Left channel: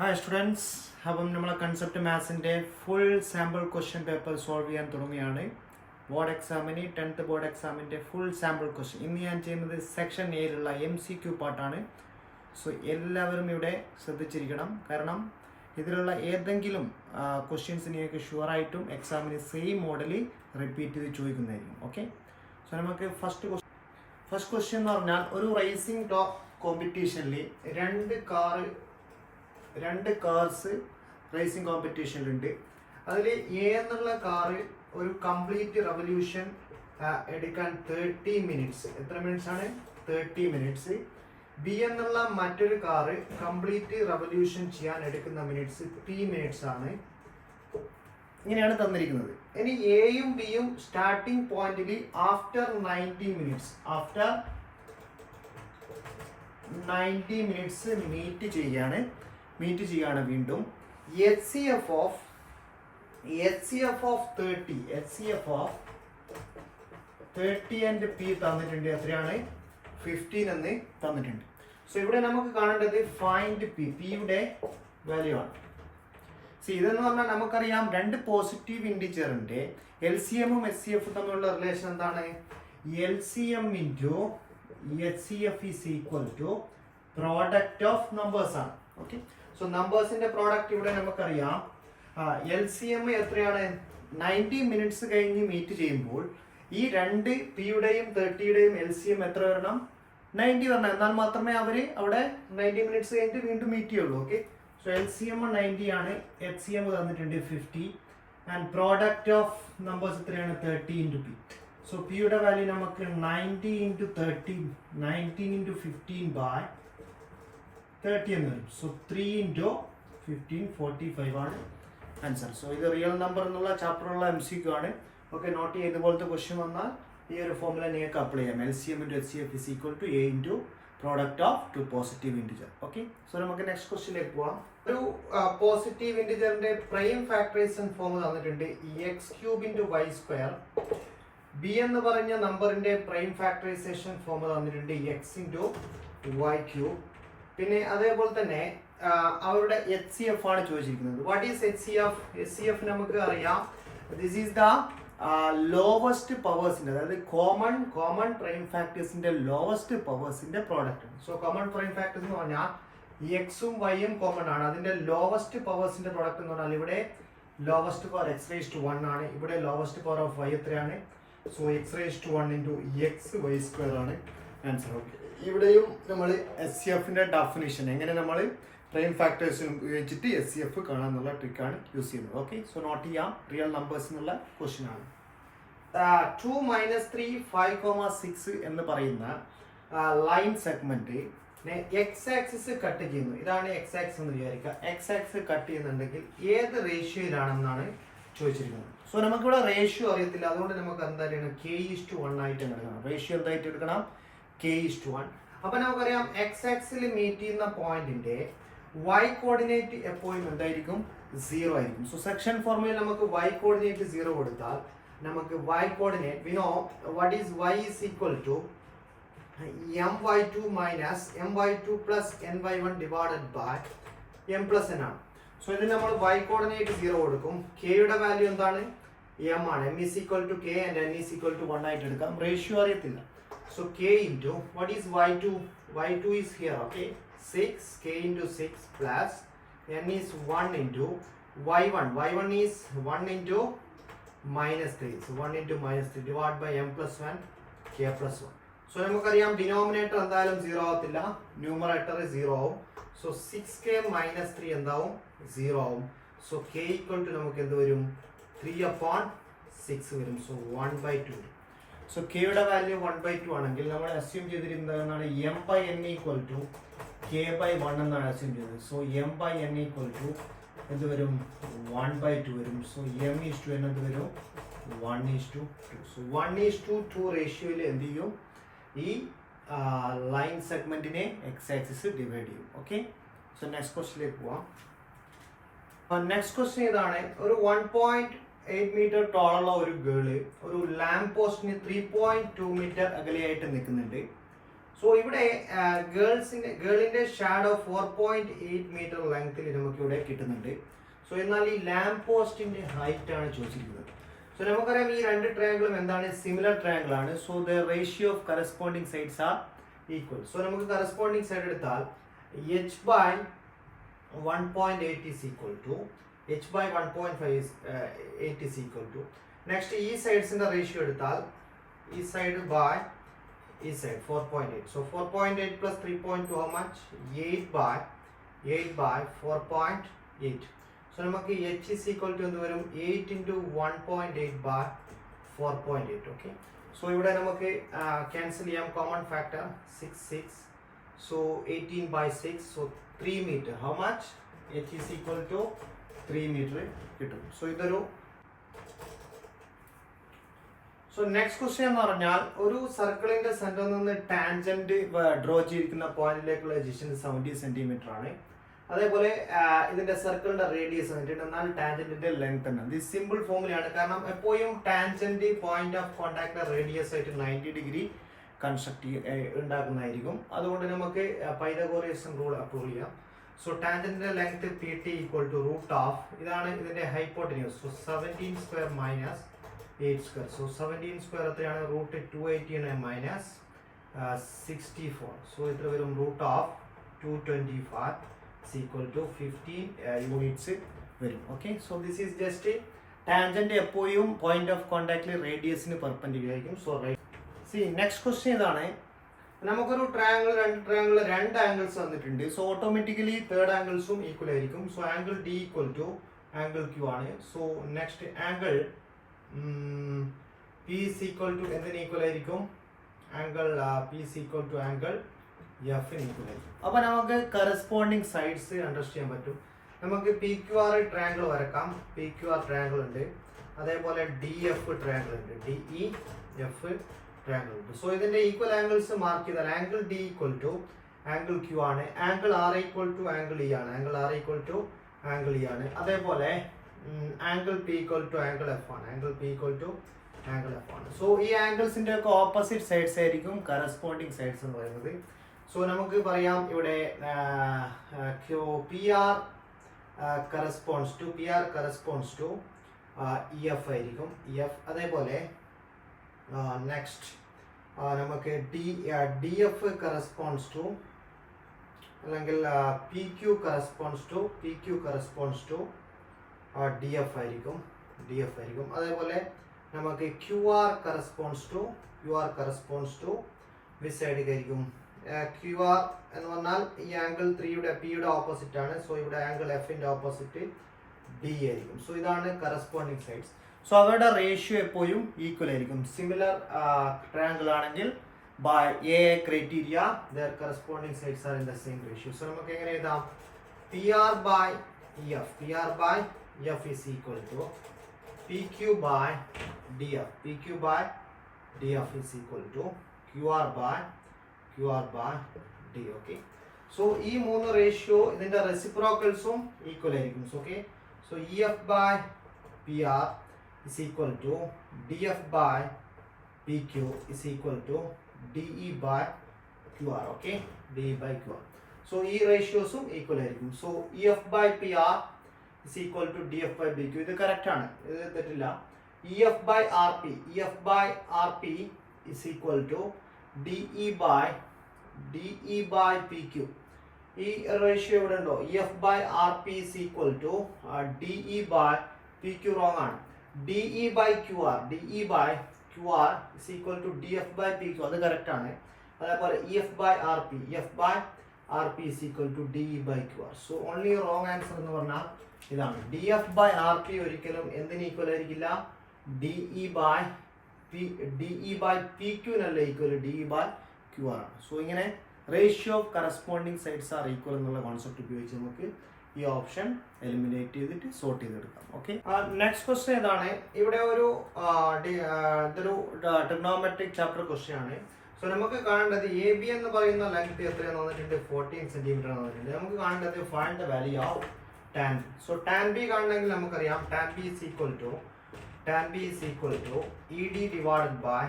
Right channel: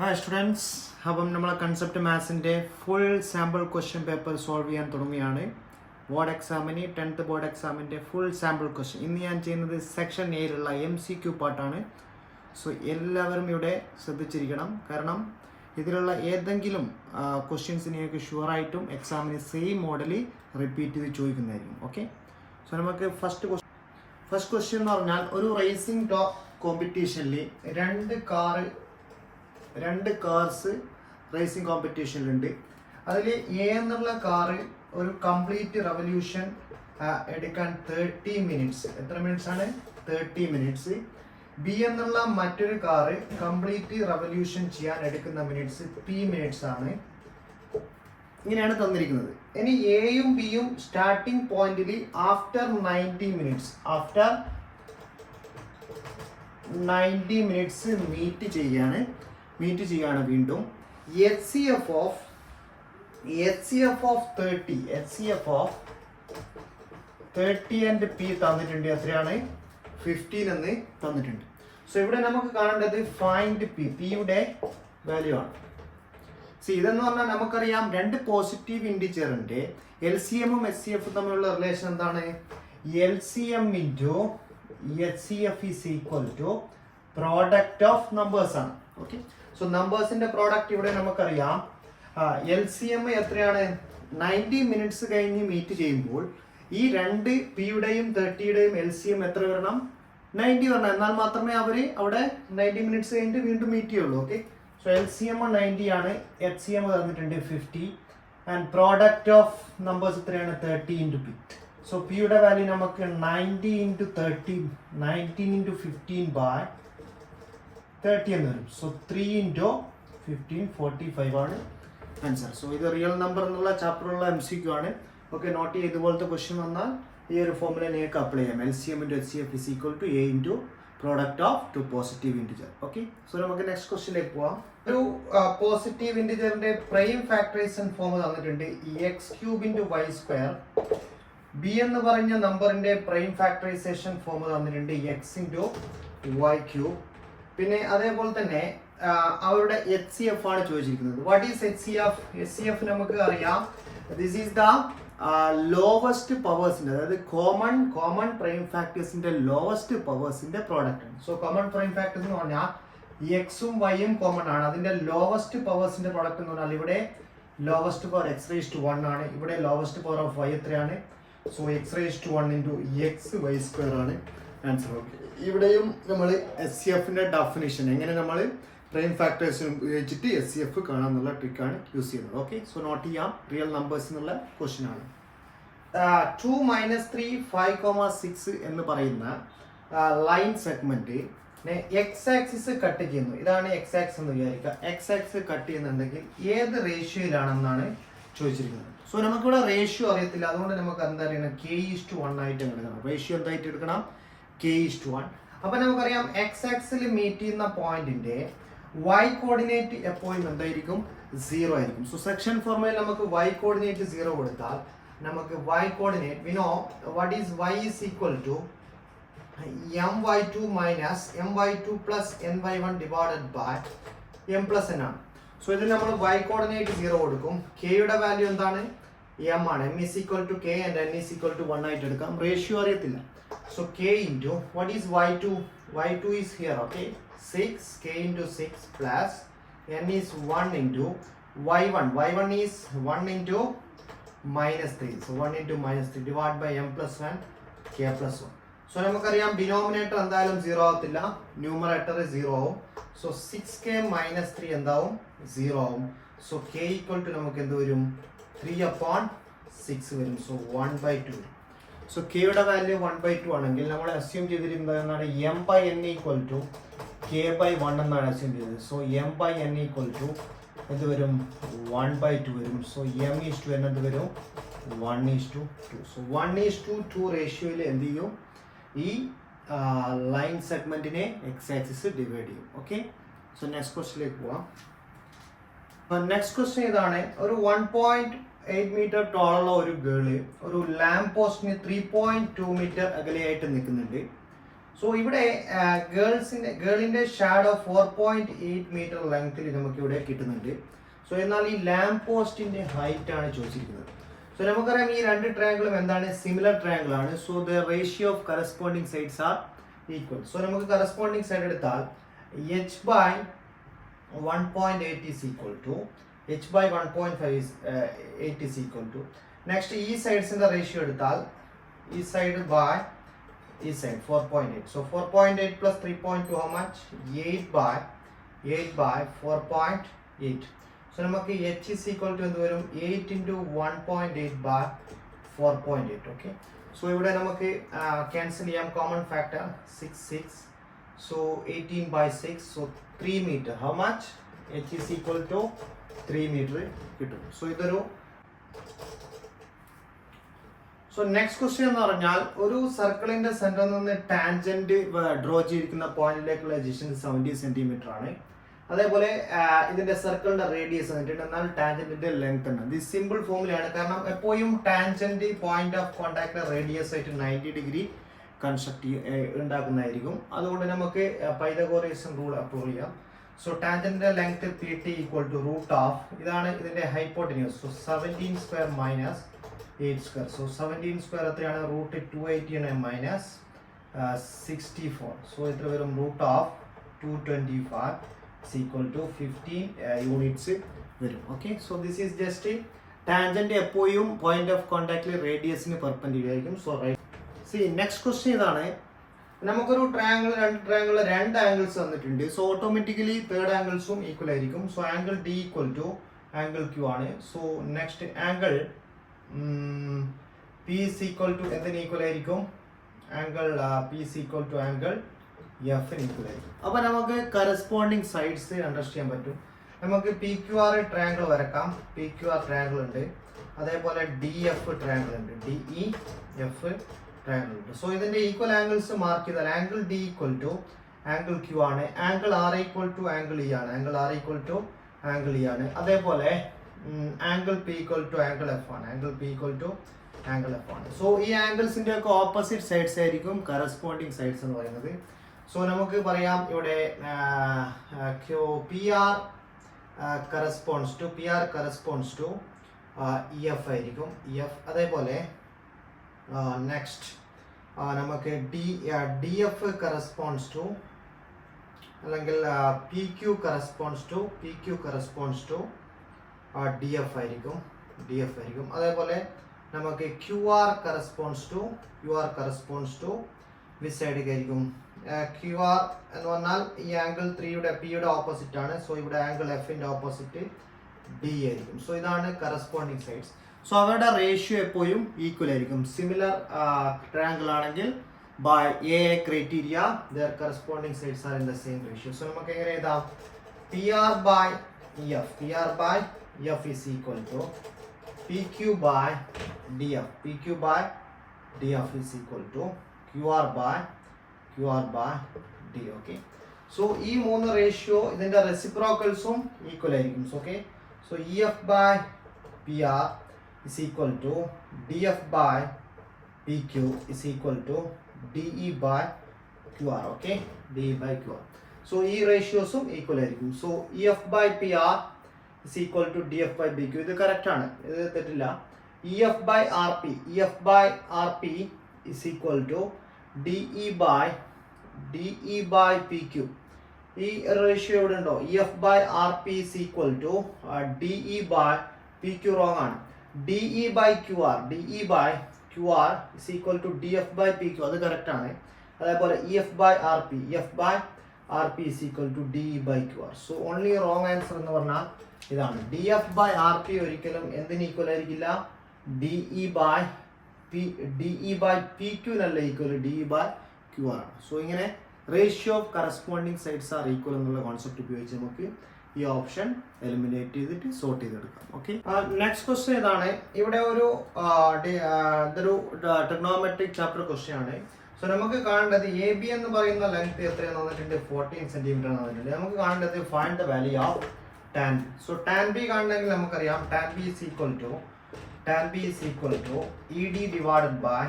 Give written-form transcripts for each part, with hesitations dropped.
Hi students, അപ്പം നമ്മൾ concept മാത്സിൻ്റെ full sample question paper solve ചെയ്യാൻ തുടങ്ങിയാണ്. ബോർഡ് എക്സാമിന് 10th ബോർഡ് എക്സാമിൻ്റെ ഫുൾ സാമ്പിൾ ക്വസ്റ്റ്യൻ ഇന്ന് ഞാൻ ചെയ്യുന്നത് സെക്ഷൻ എയിലുള്ള MCQ പാർട്ടാണ്. സോ എല്ലാവരും ഇവിടെ ശ്രദ്ധിച്ചിരിക്കണം, കാരണം ഇതിലുള്ള ഏതെങ്കിലും ക്വസ്റ്റ്യൻസ് നിങ്ങൾക്ക് ഷുവറായിട്ടും എക്സാമിന് സെയിം മോഡൽ റിപ്പീറ്റ് ചെയ്ത് ചോദിക്കുന്നതായിരിക്കും. ഓക്കെ, സോ നമുക്ക് ഫസ്റ്റ് ക്വസ്റ്റ്യൻ എന്ന് പറഞ്ഞാൽ ഒരു റേസിംഗ് ടോപ്പ് കോമ്പറ്റീഷനിൽ രണ്ട് കാർസ് റേസിംഗ് കോമ്പറ്റീഷനിലുണ്ട്. അതിൽ എ എന്നുള്ള കാറ് ഒരു കംപ്ലീറ്റ് റെവല്യൂഷൻ എടുക്കാൻ 30 മിനിറ്റ്സ്. എത്ര മിനിറ്റ്സ് ആണ്? 30 മിനിറ്റ്സ്. ബി എന്നുള്ള മറ്റൊരു കാറ് കംപ്ലീറ്റ് റെവല്യൂഷൻ ചെയ്യാൻ എടുക്കുന്ന മിനിറ്റ്സ് 3 മിനിറ്റ്സ് ആണ്. ഇങ്ങനെയാണ് തന്നിരിക്കുന്നത്. ഇനി എയും ബിയും സ്റ്റാർട്ടിംഗ് പോയിന്റിൽ ആഫ്റ്റർ 90 മിനിറ്റ്സ് മീറ്റ് ചെയ്യാണ് വീണ്ടും. HCF ഓഫ് 30 ആൻഡ് പി തന്നിട്ടുണ്ട്. എത്രയാണ്? 15 എന്ന് തന്നിട്ടുണ്ട്. സോ ഇവിടെ നമുക്ക് കാണേണ്ടത് ഫൈൻഡ് പിയുടെ വാല്യൂ ആണ്. ഇതെന്ന് പറഞ്ഞാൽ നമുക്കറിയാം, രണ്ട് പോസിറ്റീവ് ഇൻഡിജറിന്റെ LCMഉം HCFഉം തമ്മിലുള്ള റിലേഷൻ എന്താണ്? LCM into HCF is equal to product of numbers ആണ്. ഓക്കെ, സോ നമ്പേഴ്സിന്റെ പ്രോഡക്റ്റ് ഇവിടെ നമുക്കറിയാം. LCM എത്രയാണ്? 90 മിനിറ്റ്സ് കഴിഞ്ഞ് മീറ്റ് ചെയ്യുമ്പോൾ ഈ രണ്ട് പിയുടെയും 30യുടെയും LCM എത്ര വരണം? 90 വരണം. എന്നാൽ മാത്രമേ അവർ അവിടെ 90 മിനിറ്റ്സ് കഴിഞ്ഞിട്ട് വീണ്ടും മീറ്റ് ചെയ്യുള്ളൂ. ഓക്കെ, സോ LCM 90 ആണ്, HCM തന്നിട്ടുണ്ട് 50, ആൻഡ് പ്രോഡക്റ്റ് ഓഫ് നമ്പേഴ്സ് എത്രയാണ്? 30 ഇൻറ്റു പി. സോ പിയുടെ വാല്യൂ നമുക്ക് 90 ഇൻറ്റു 30, 19 ഇൻറ്റു 15 ബൈ 30 എന്ന് വരും. സോ 3 ഇൻറ്റു 15 45 ആണ് ആൻസർ. സോ ഇത് റിയൽ നമ്പർ എന്നുള്ള ചാപ്റ്ററുള്ള MCQ ആണ്. ഓക്കെ, നോട്ട് ചെയ്ത് ഇതുപോലത്തെ ക്വസ്റ്റ്യൻ വന്നാൽ ഈ ഒരു ഫോമുല നിങ്ങൾക്ക് അപ്ലൈ ചെയ്യാം. LCM into HCF is equal to A into product of two positive integer. Okay, so നമുക്ക് നെക്സ്റ്റ് ക്വസ്റ്റ്യനിലേക്ക് പോവാം. ഒരു പോസിറ്റീവ് ഇൻറ്റിജറിന്റെ പ്രൈം ഫാക്ടറൈസേഷൻ ഫോം തന്നിട്ടുണ്ട് x³ ഇൻറ്റു y². ബി എന്ന് പറഞ്ഞ നമ്പറിന്റെ പ്രൈം ഫാക്ടറൈസേഷൻ ഫോം തന്നിട്ടുണ്ട് x ഇൻറ്റു y³. പിന്നെ അതേപോലെ തന്നെ അവരുടെ HCF ആണ് ചോദിച്ചിരിക്കുന്നത്. What is HCF? HCF നമുക്ക് അറിയാം, ദിസ് ഈസ് ദ ലോവസ്റ്റ് പവേഴ്സിന്റെ, അതായത് കോമൺ പ്രൈം ഫാക്ടേഴ്സിന്റെ ലോവസ്റ്റ് പവേഴ്സിന്റെ പ്രോഡക്റ്റ് ആണ്. സോ കോമൺ പ്രൈം ഫാക്ടേഴ്സ് എന്ന് പറഞ്ഞാൽ എക്സും വൈയും കോമൺ ആണ്. അതിന്റെ ലോവസ്റ്റ് പവേഴ്സിന്റെ പ്രോഡക്റ്റ് എന്ന് പറഞ്ഞാൽ ഇവിടെ ലോവസ്റ്റ് പവർ x⁻1 ആണ്, ഇവിടെ ലോവസ്റ്റ് പവർ ഓഫ് y എത്രയാണ്? സോ x⁻1 ഇൻറ്റു xy² ആണ് ആൻസർ. ഓക്കെ, ഇവിടെയും നമ്മൾ HCFന്റെ ഡെഫിനിഷൻ എങ്ങനെ നമ്മൾ പ്രൈം ഫാക്ടേഴ്സ് ഉപയോഗിച്ചിട്ട് HCF കാണാമെന്നുള്ള ട്രിക്കാണ് യൂസ് ചെയ്യുന്നത്. ഓക്കെ, സോ നോട്ട് ചെയ്യാം, റിയൽ നമ്പേഴ്സ് എന്നുള്ള ക്വസ്റ്റ്യൻ ആണ്. 2 - 3 5,6 എന്ന് പറയുന്ന line segment X axis cut ചെയ്യുന്നു. ഇതാണ് X ആക്സിസ് എന്ന് വിചാരിക്കുക. X ആക്സിസ് കട്ട് ചെയ്യുന്നുണ്ടെങ്കിൽ ഏത് റേഷ്യോയിലാണെന്നാണ് ചോദിച്ചിരിക്കുന്നത്. സോ നമുക്കിവിടെ റേഷ്യോ അറിയത്തില്ല, അതുകൊണ്ട് നമുക്ക് എന്താ അറിയണം? K:1 ആയിട്ട് എടുക്കണം. റേഷ്യോ എന്തായിട്ട് എടുക്കണം? K:1. അപ്പൊ നമുക്കറിയാം X ആക്സിൽ മീറ്റ് ചെയ്യുന്ന പോയിന്റിന്റെ Y കോർഡിനേറ്റ് എപ്പോഴും എന്തായിരിക്കും? 0 ആയിരിക്കും. സോ സെക്ഷൻ ഫോർമുലയിൽ നമുക്ക് Y കോർഡിനേറ്റ് 0 കൊടുത്താൽ നമുക്ക് Y coordinate we know what is Y is equal to my2 minus my2 plus ny1 divided by m plus n ആണ്. സോ ഇതിൽ നമ്മൾ Y കോർഡിനേറ്റ് 0 കൊടുക്കും. K യുടെ വാല്യൂ എന്താണ്? m ആണ്. m is equal to K and n is equal to 1 ആയിട്ട് എടുക്കാം. Ratio അറിയത്തില്ല. So K into what is Y2? Y2 is here. Okay, 6 K into 6 plus n is 1 into Y1. Y1 is 1 into -3. So 1 into -3 divided by m plus 1 K plus 1. So നമുക്കറിയാം denominator എന്തായാലും 0 ആവത്തില്ല, numerator 0 ആവും. So 6K - 3 എന്താവും? 0 ആവും. So K equal to നമുക്ക് എന്ത് വരും? 3/6 വരും. സോ 1/2 വരും. സോ കെയുടെ വാല്യൂ 1/2 ആണെങ്കിൽ നമ്മൾ അസ്യൂം ചെയ്തിരിക്കുന്നത് എന്താണ്? m/n ഈക്വൽ ടു k/1 എന്നാണ് അസ്യൂം ചെയ്തത്. സോ m/n ഈക്വൽ ടു എന്ത് വരും? 1/2 വരും. സോ m:n എന്ത് വരും? 1:2. സോ 1:2 റേഷ്യോയിൽ എന്ത് ചെയ്യും? ഈ ലൈൻ സെഗ്മെന്റിനെ X ആക്സിസ് ഡിവൈഡ് ചെയ്യും. ഓക്കെ, സോ നെക്സ്റ്റ് ക്വസ്റ്റ്യനിലേക്ക് പോവാം. നെക്സ്റ്റ് ക്വസ്റ്റ്യൻ ഇതാണ്. ഒരു 1.8 മീറ്റർ ടോളുള്ള ഒരു ഗേള് ഒരു ലാമ്പ് പോസ്റ്റിന് 3.2 മീറ്റർ അകലെയായിട്ട് നിൽക്കുന്നുണ്ട്. സോ ഇവിടെ ഗേളിന്റെ ഷാഡോ 4.8 മീറ്റർ ലെങ്ത്തിൽ നമുക്ക് ഇവിടെ കിട്ടുന്നുണ്ട്. സോ എന്നാൽ ഈ ലാംപ് പോസ്റ്റിന്റെ ഹൈറ്റ് ആണ് ചോദിച്ചിരിക്കുന്നത്. സോ നമുക്കറിയാം ഈ രണ്ട് ട്രയാങ്കിളും എന്താണ്, സിമിലർ ട്രയാങ്കിൾ ആണ്. So the ratio of corresponding sides are equal. So നമുക്ക് കറസ്പോണ്ടിങ് സൈഡ് എടുത്താൽ h/1.8 is equal to h/1.5 is 8 is equal to. Next ഈ സൈഡ്സിന്റെ റേഷ്യോ എടുത്താൽ ഈ സൈഡ് ബൈ ഈ side 4.8. So 4.8 plus 3.2 how much? 8/4.8. So നമുക്ക് h is equal to എന്ത് വരും, 8 into 1.8/4.8. Okay. So ഇവിടെ നമുക്ക് ക്യാൻസൽ ചെയ്യാം, common factor 6. So 18/6. So 3 metre. How much? h is equal to 3 metre കിട്ടും. സോ ഇതൊരു സോ നെക്സ്റ്റ് ക്വസ്റ്റ്യൻ എന്ന് പറഞ്ഞാൽ ഒരു സർക്കിളിന്റെ സെന്ററിൽ നിന്ന് ടാൻജന്റ് ഡ്രോ ചെയ്തിരിക്കുന്ന പോയിന്റിലേക്കുള്ള ഡിസ്റ്റൻസ് 70 സെന്റിമീറ്റർ ആണ്. അതേപോലെ ഇതിന്റെ സർക്കിളിന്റെ റേഡിയസ് എന്നാൽ ടാൻജന്റിന്റെ ലെങ്ത് ആണ്. ഇത് സിമ്പിൾ ഫോമുലയാണ്, കാരണം എപ്പോഴും tangent point of contact radius ആയിട്ട് 90 ഡിഗ്രി കൺസ്ട്രക്ട് ഉണ്ടാക്കുന്നതായിരിക്കും. അതുകൊണ്ട് നമുക്ക് പൈതഗോറിയസ് റൂൾ അപ്ലൈ ചെയ്യാം. സോ ടാൻജന്റിന്റെ length PT equal to root of, ഇതാണ് ഇതിന്റെ hypotenuse. So 17 square minus 8 square. So 17 square എത്രയാണ്, റൂട്ട് 280 മൈനസ് 64. സോ എത്ര വരും, root of 225 equal to 15 units വരും. Okay. So this is just tangent എപ്പോഴും point of കോൺടാക്റ്റിൽ റേഡിയസിന് പെർപെൻഡിക്കുലർ ആയിരിക്കും. So right. C next question ഇതാണ്. നമുക്കൊരു രണ്ട് ആംഗിൾസ് തന്നിട്ടുണ്ട്. സോ ഓട്ടോമാറ്റിക്കലി തേർഡ് ആംഗിൾസും ഈക്വൽ ആയിരിക്കും. So angle D equal to angle Q ആണ്. So next angle P is equal to എന്തിന് ഈക്വൽ ആയിരിക്കും, angle P is equal to angle F ന് ഈക്വൽ ആയിരിക്കും. അപ്പോൾ നമുക്ക് കറസ്പോണ്ടിങ് സൈഡ്സ് അണ്ടർസ്റ്റാൻഡ് ചെയ്യാൻ പറ്റും. നമുക്ക് PQR ട്രയാങ്കിൾ വരക്കാം. PQR ട്രയാങ്കിൾ ഉണ്ട്, അതേപോലെ DF ട്രയാങ്കിൾ ഉണ്ട്, DEF ട്രയാങ്കിൾ ഉണ്ട്. സോ ഇതിന്റെ ഈക്വൽ ആംഗിൾസ് മാർക്ക് ചെയ്താൽ angle D equal to angle Q ആണ്, angle R equal to angle E ആണ്, angle R equal to angle E ആണ്. അതേപോലെ angle P equal to angle F ആണ്, angle P equal to angle F ആണ്. So ഈ ആംഗിൾസിന്റെ ഒക്കെ opposite sides ആയിരിക്കും കറസ്പോണ്ടിങ് സൈഡ്സ് എന്ന് പറയുന്നത്. സോ നമുക്ക് പറയാം ഇവിടെ PR കറസ്പോണ്ട്സ് ടു EF ആയിരിക്കും, EF. അതേപോലെ നെക്സ്റ്റ് നമുക്ക് DF കറസ്പോണ്ട്സ് ടു, അല്ലെങ്കിൽ PQ കറസ്പോണ്ട്സ് ടു DF ആയിരിക്കും. അതേപോലെ നമുക്ക് QR corresponds to which side ആയിരിക്കും, QR എന്ന് പറഞ്ഞാൽ ഈ ആംഗിൾ 3യുടെ Pയുടെ ഓപ്പോസിറ്റ് ആണ്. സോ ഇവിടെ ആംഗിൾ Fന്റെ ഓപ്പോസിറ്റ് D ആയിരിക്കും. സോ ഇതാണ് കറസ്പോണ്ടിങ് സൈഡ്സ്. സോ അവരുടെ റേഷ്യോ എപ്പോഴും ഈക്വൽ ആയിരിക്കും. സിമിലർ ട്രയാങ്കിൾ ആണെങ്കിൽ by A criteria their corresponding sides are in the same ratio. So നമുക്ക് എങ്ങനെ എഴുതാം, PR by EF is equal to PQ by DF is equal to QR by D. Okay. So ഈ മൂന്ന് ratio ഇതിന്റെ റെസിപ്രോക്കൽസും equal ആയിരിക്കും. Okay. So EF by PR is equal to DF by PQ is equal to DE by QR. Okay, DE by QR. So ഈ റേഷ്യോസും equal ആയിരിക്കും. So EF by PR is equal to DF by PQ. ഇത് correct ആണ്, ഇത് തെറ്റില്ല. EF by RP is equal to DE by PQ. ഈ ratio ഇവിടെ ഉണ്ടോ, EF by RP is equal to DE by PQ. Wrong ആണ്. DE by QR is equal to DF by PQ. അത് correct ആണ്. അതേപോലെ EF by RP is equal to DE by QR. So only wrong answer എന്ന് പറഞ്ഞാൽ ഇതാണ്. DF by RP ഒരിക്കലും എന്തിന് equal ആയിരിക്കില്ല, DE by PQ നല്ല ഈക്വൽ, DE by QR ആണ്. സോ ഇങ്ങനെ ratio of corresponding sides are equal എന്നുള്ള കോൺസെപ്റ്റ് ഉപയോഗിച്ച് നമുക്ക് ഈ ഓപ്ഷൻ എലിമിനേറ്റ് ചെയ്തിട്ട് സോർട്ട് ചെയ്തെടുക്കാം. ഓക്കെ. നെക്സ്റ്റ് ക്വസ്റ്റ്യൻ ഇതാണ്. ഇവിടെ ഇതൊരു ട്രിഗ്നോമെട്രിക് ചാപ്റ്റർ ക്വസ്റ്റ്യൻ ആണ്. സോ നമുക്ക് കാണേണ്ടത് AB എന്ന് പറയുന്ന ലെങ്ത് എത്രയാണെന്ന് തന്നിട്ടുണ്ട്, 14 സെന്റിമീറ്റർ ആണ് തന്നിട്ടുണ്ട്. നമുക്ക് കാണേണ്ടത് find the value of tan B. So tan B കാണണമെങ്കിൽ നമുക്കറിയാം tan B is equal to ED divided by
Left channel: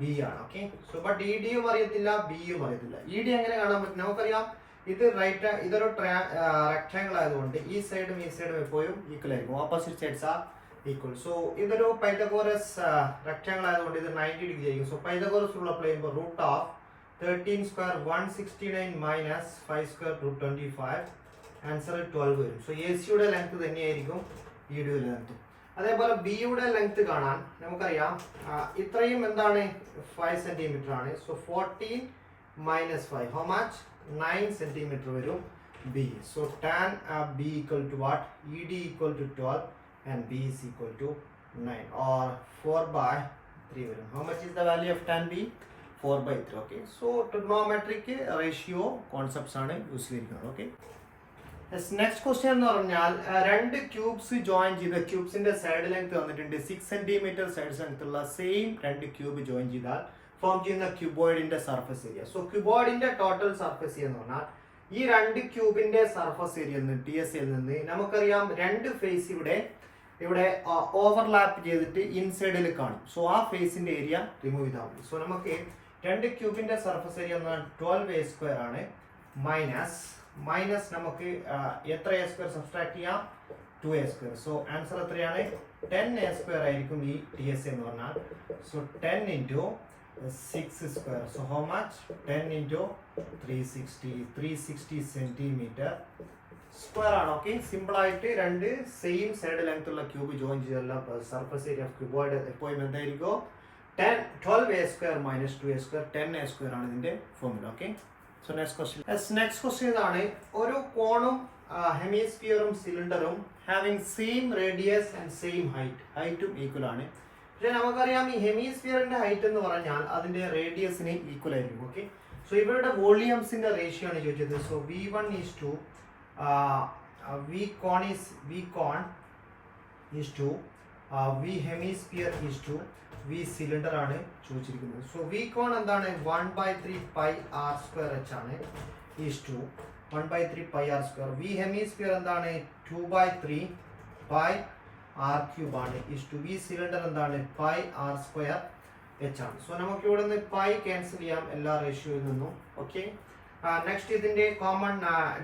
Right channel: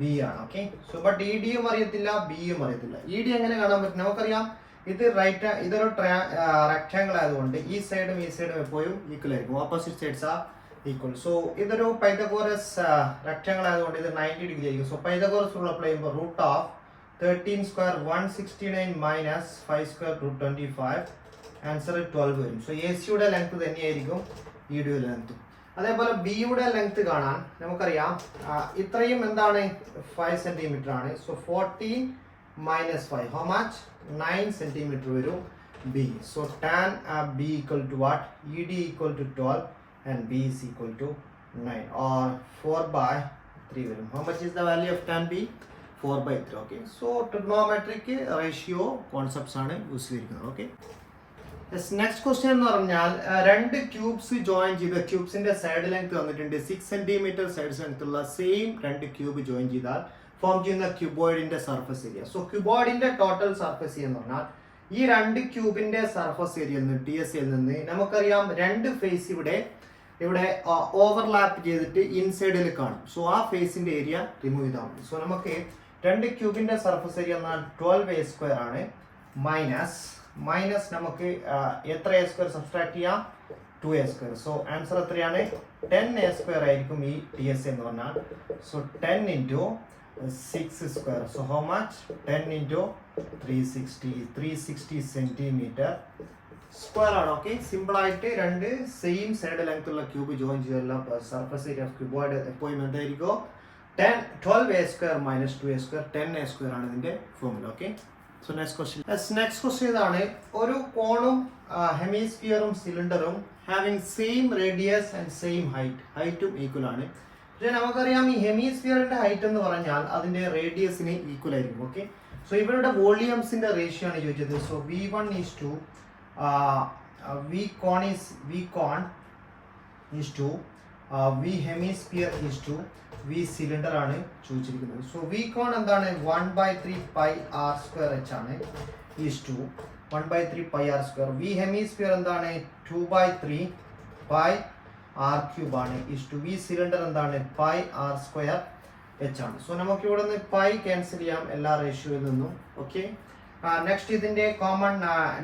B ആണ്. ഓക്കെ, സോ ബട്ട് ഇ ഡിയും അറിയത്തില്ല, ബിയും അറിയത്തില്ല. ഇ ഡി എങ്ങനെ കാണാൻ പറ്റും? നമുക്കറിയാം ഇത് ഇതൊരു റെക്ടാങ്കിൾ ആയതുകൊണ്ട് ഈ സൈഡും എപ്പോഴും ഈക്വൽ ആയിരിക്കും. Opposite sides are equal. So ഇതൊരു പൈതഗോറസ് റെക്ടാങ്കിൾ ആയതുകൊണ്ട് ഇത് 90 ഡിഗ്രി ആയിരിക്കും. സോ പൈതഗോറസ് റൂൾ അപ്ലൈ ചെയ്യുമ്പോൾ root of 13 square 169 minus 5 square root 25, answer 12 വരും. സോ എ സിയുടെ ലെങ്ത് തന്നെയായിരിക്കും ഇ ഡിയുടെ ലെങ്ത്. അതേപോലെ ബിയുടെ ലെങ്ത് കാണാൻ നമുക്കറിയാം ഇത്രയും എന്താണ് 5 സെന്റിമീറ്റർ ആണ്. So 14 minus 5 how much 9 centimetre വരും B. So tan B equal to what? E D equal to 12 and b is equal to 9 or 4/3 വരും. How much is the value of tan b? 4/3. Okay, so trigonometric ratio concepts ആണ് use ചെയ്തിരിക്കുന്നത്. Okay, next question എന്ന് പറഞ്ഞാൽ രണ്ട് cubes join ചെയ്ത ക്യൂബ്സിന്റെ side length വന്നിട്ടുണ്ട് 6 centimetre side length ഉള്ള same രണ്ട് ക്യൂബ് ജോയിൻ ചെയ്താൽ ഫോം ചെയ്യുന്ന ക്യൂബോയിഡിന്റെ സർഫസ് ഏരിയ. സോ ക്യൂബോയിഡിന്റെ ടോട്ടൽ സർഫസ് ഏരിയ എന്ന് പറഞ്ഞാൽ ഈ രണ്ട് ക്യൂബിന്റെ സർഫസ് ഏരിയയിൽ നിന്ന് TSA നിന്ന് നമുക്കറിയാം രണ്ട് ഫേസ് ഇവിടെ ഓവർലാപ്പ് ചെയ്തിട്ട് ഇൻസൈഡിൽ കാണും. സോ ആ ഫേസിന്റെ ഏരിയ റിമൂവ് ചെയ്താൽ മതി. സോ നമുക്ക് രണ്ട് ക്യൂബിന്റെ സർഫസ് ഏരിയ എന്നാൽ 12a² ആണ്. മൈനസ് നമുക്ക് എത്ര a² സബ്സ്ട്രാക്ട് ചെയ്യാം? 2a². സോ ആൻസർ എത്രയാണ്? 10a² ആയിരിക്കും ഈ TSA എന്ന് പറഞ്ഞാൽ. So 10 into 6². So how much? 10 into 360 centimetre square ആണ്. ഓക്കെ, സിമ്പിൾ ആയിട്ട് രണ്ട് സെയിം സൈഡ് ലെങ്ത് ഉള്ള ക്യൂബ് ജോയിൻ ചെയ്തുള്ള സർഫസ് ഏരിയ ഓഫ് ക്യൂബോയിഡ് എപ്പോഴും എന്തായിരിക്കും? 12a² minus 2a². 10a² ആണ് ഇതിന്റെ formula. Okay, so next question ഇതാണ്. ഒരു കോണും ഹെമിസ്ഫിയറും സിലിണ്ടറും having same radius and same ഹൈറ്റും ഈക്വൽ ആണ്. പക്ഷെ നമുക്കറിയാം ഈ ഹെമിസ്ഫിയറിന്റെ ഹൈറ്റ് എന്ന് പറഞ്ഞാൽ അതിന്റെ റേഡിയസിന് ഈക്വൽ ആയിരിക്കും. ഓക്കെ, സോ ഇവരുടെ വോളിയംസിന്റെ റേഷ്യോ ആണ് ചോദിച്ചത്. So V1 is to V con is to V hemisphere is to V cylinder ആണ് ചോദിച്ചിരിക്കുന്നത്. സോ V con എന്താണ്? 1/3 pi r²h ആണ് is to 1/3 pi r². V hemisphere എന്താണ്? 2/3 pi r³ ആണ് is to V cylinder എന്താണ്? pi r²h ആണ്. So നമുക്ക് ഇവിടെ നിന്ന് പൈ ക്യാൻസൽ ചെയ്യാം എല്ലാ റേഷ്യോയിൽ നിന്നും. ഓക്കെ, നെക്സ്റ്റ് ഇതിന്റെ കോമൺ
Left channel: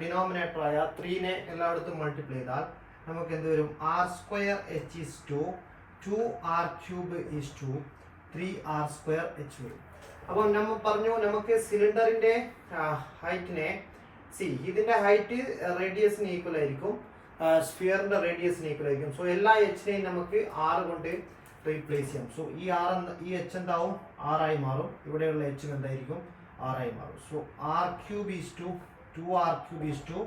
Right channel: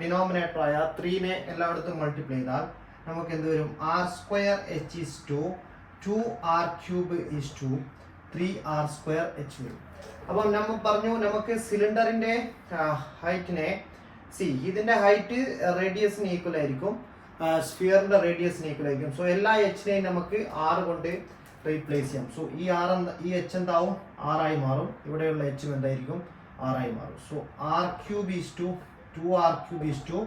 ഡിനോമിനേറ്റർ ആയ 3നെ എല്ലായിടത്തും മൾട്ടിപ്ലൈ ചെയ്താൽ നമുക്ക് എന്ത് വരും? r²h is to 2r³ is to 3r²h വരും. അപ്പം നമ്മൾ പറഞ്ഞു നമുക്ക് സിലിണ്ടറിന്റെ ഹൈറ്റിനെ ഇതിന്റെ ഹൈറ്റ് റേഡിയസിന് ഈക്വൽ ആയിരിക്കും, സ്ഫിയറിന്റെ റേഡിയസിന് ഈക്വൽ ആയിരിക്കും. സോ എല്ലാ എച്ചിനെയും നമുക്ക് r കൊണ്ട് റീപ്ലേസ് ചെയ്യാം. സോ ഈ h എന്താവും? r ആയി മാറും. ഇവിടെയുള്ള h എന്തായിരിക്കും? r ആയി മാറും. So r³ is to 2r³ is to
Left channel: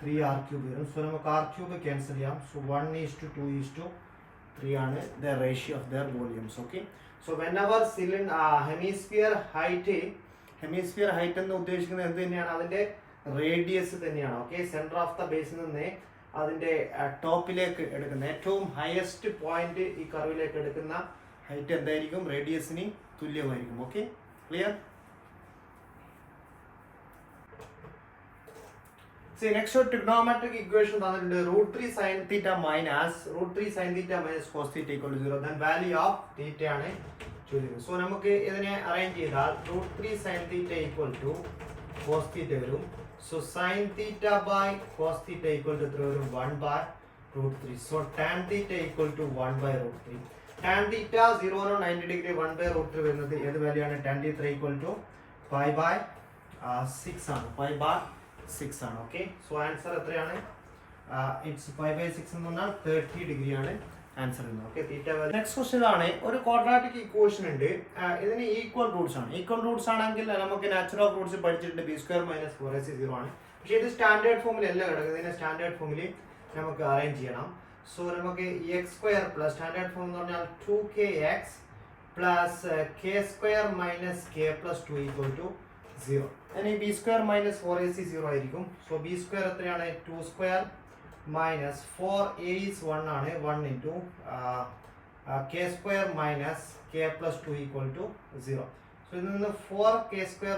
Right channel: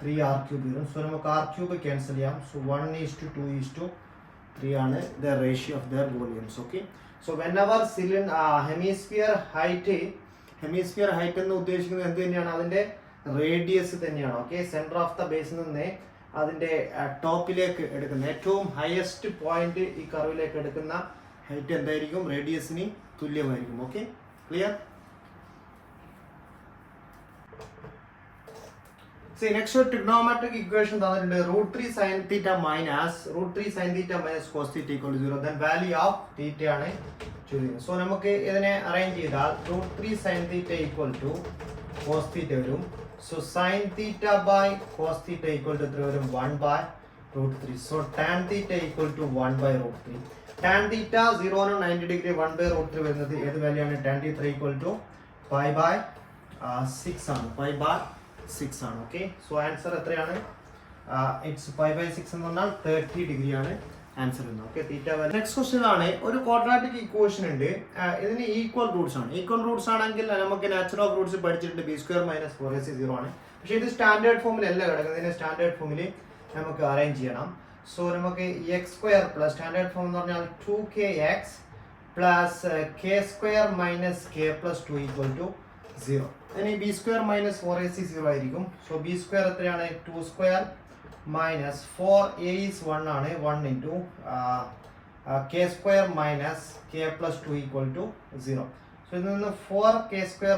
3r³ വരും. സോ നമുക്ക് r³ ക്യാൻസൽ ചെയ്യാം. So 1 is to 2 is to 3 ആണ് the ratio of their volumes. Okay, so whenever hemisphere height എന്ന് ഉദ്ദേശിക്കുന്നത് എന്ത് തന്നെയാണ്? അതിന്റെ റേഡിയസ് തന്നെയാണ്. ഓക്കെ, സെന്റർ ഓഫ് ദ ബേസിൽ നിന്ന് അതിന്റെ ടോപ്പിലേക്ക് എടുക്കുന്ന ഏറ്റവും ഹയസ്റ്റ് പോയിന്റ് ഈ കർവിലേക്ക് എടുക്കുന്ന ഹൈറ്റ് എന്തായിരിക്കും? റേഡിയസിന് തുല്യമായിരിക്കും. Okay, clear? നെക്സ്റ്റ് ഒരു ട്രിഗണോമെട്രിക് ഇക്വേഷൻ തന്നിട്ടുണ്ട്. √3 sin θ minus cos θ equal to 0. then value of θ ആണ് ചോദിക്കുന്നത്. സോ നമുക്ക് ഇതിനെ അറേഞ്ച് ചെയ്താൽ √3 sin θ equal to cos θ വരും. So sin θ by cos θ equal to എത്ര വരും? 1/√3. So tan θ equal to 1/√3. tan θ 0 നും 90 ഡിഗ്രി 1/√3 വരുന്നത് ഏത് വാല്യൂ ആണ്? tan θ equal to π/6 ആണ്. π/6 ആണ്. ഓക്കെ, സോ ആൻസർ എത്രയാണ്? ഇറ്റ്സ് π/6 എന്ന് പറഞ്ഞാൽ 30 ഡിഗ്രി ആണ് ആൻസർ. ഓക്കെ, തീറ്റ വാല്യൂ. നെക്സ്റ്റ് ക്വസ്റ്റ്യൻ ആണ്. ഒരു ക്വാഡ്രാറ്റിക് ഇക്വേഷൻ ഉണ്ട്. ഇതിന് ഈക്വൽ റൂട്ട്സ് ആണ്. ഈക്വൽ റൂട്ട്സ് ആണെങ്കിൽ നമുക്ക് നാച്ചുറൽ ഓഫ് റൂട്ട്സ് പഠിച്ചിട്ടുണ്ട്. b² - 4ac 0 ആണ്. പക്ഷേ ഇത് സ്റ്റാൻഡേർഡ് ഫോമിൽ അല്ല കിടക്കുന്നത്. ഇതിനെ സ്റ്റാൻഡേർഡ് ഫോമിൽ നമുക്ക് അറേഞ്ച് ചെയ്യണം. സോ നമുക്ക് x² പ്ലസ് സ്റ്റാൻഡേർഡ് ഫോം എന്ന് പറഞ്ഞാൽ 2kx പ്ലസ് k² - k + 2 = 0. ഇനി b² - 4ac 0 ആയിരിക്കും. സോ b² എത്രയാണ്? 2² - 4a is 1 ആണ്. 1 into k² - k + 2 = 0. സോ ഇതിൽ നിന്ന് 4k²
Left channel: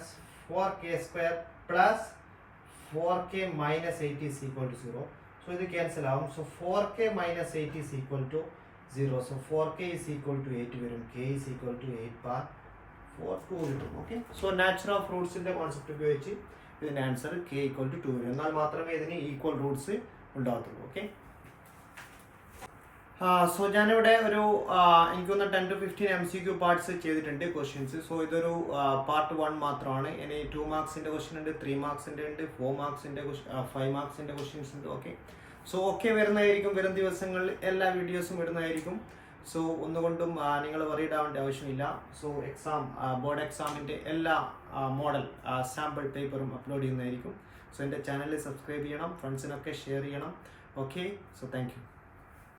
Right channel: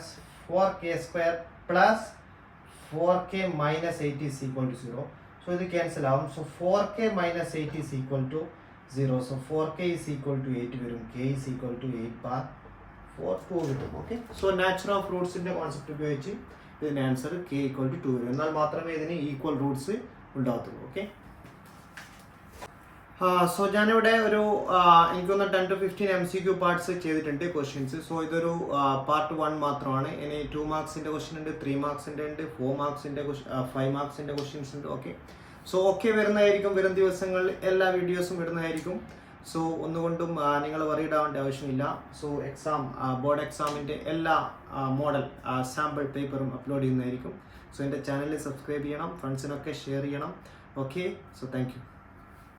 - 4k² plus 4k - 8 is equal to 0. So ഇത് ക്യാൻസൽ ആവും. So 4k - 8 is equal to 0. So 4k is equal to 8 വരും. K is equal to 8 bar 4 2 കിട്ടും. Okay, so natural of റൂട്ട്സിന്റെ concept ഉപയോഗിച്ച് ഇതിന്റെ answer k equal to 2 വരും. എന്നാൽ മാത്രമേ ഇതിന് ഈക്വൽ റൂട്ട്സ് ഉണ്ടാകത്തുള്ളൂ. ഓക്കെ, സോ ഞാനിവിടെ ഒരു എനിക്കൊന്ന് 10 to 15 MCQ പാർട്സ് ചെയ്തിട്ടുണ്ട് ക്വസ്റ്റ്യൻസ്. സോ ഇതൊരു പാർട്ട് 1 മാത്രമാണ്. ഇനി 2 മാർക്സിന്റെ ക്വസ്റ്റ്യൻ ഉണ്ട്, 3 മാർക്സിന്റെ ഉണ്ട്, 4 മാർക്സിന്റെ 5 മാർക്സിന്റെ ക്വസ്റ്റ്യൻസ് ഉണ്ട്. ഓക്കെ, സോ ഒക്കെ വരുന്നതായിരിക്കും, വരും ദിവസങ്ങളിൽ എല്ലാ വീഡിയോസും വരുന്നതായിരിക്കും. സോ ഒന്നുകൊണ്ടും നിങ്ങൾ വറീഡ് ആവേണ്ട ആവശ്യമില്ല. സോ എക്സാം, ബോർഡ് എക്സാമിൻ്റെ എല്ലാ മോഡൽ സാമ്പിൾ പേപ്പറും അപ്ലോഡ് ചെയ്യുന്നതായിരിക്കും. സോ എൻ്റെ ചാനൽ സബ്സ്ക്രൈബ് ചെയ്യണം, ഫ്രണ്ട്സിനൊക്കെ ഷെയർ ചെയ്യണം. Okay, so thank you.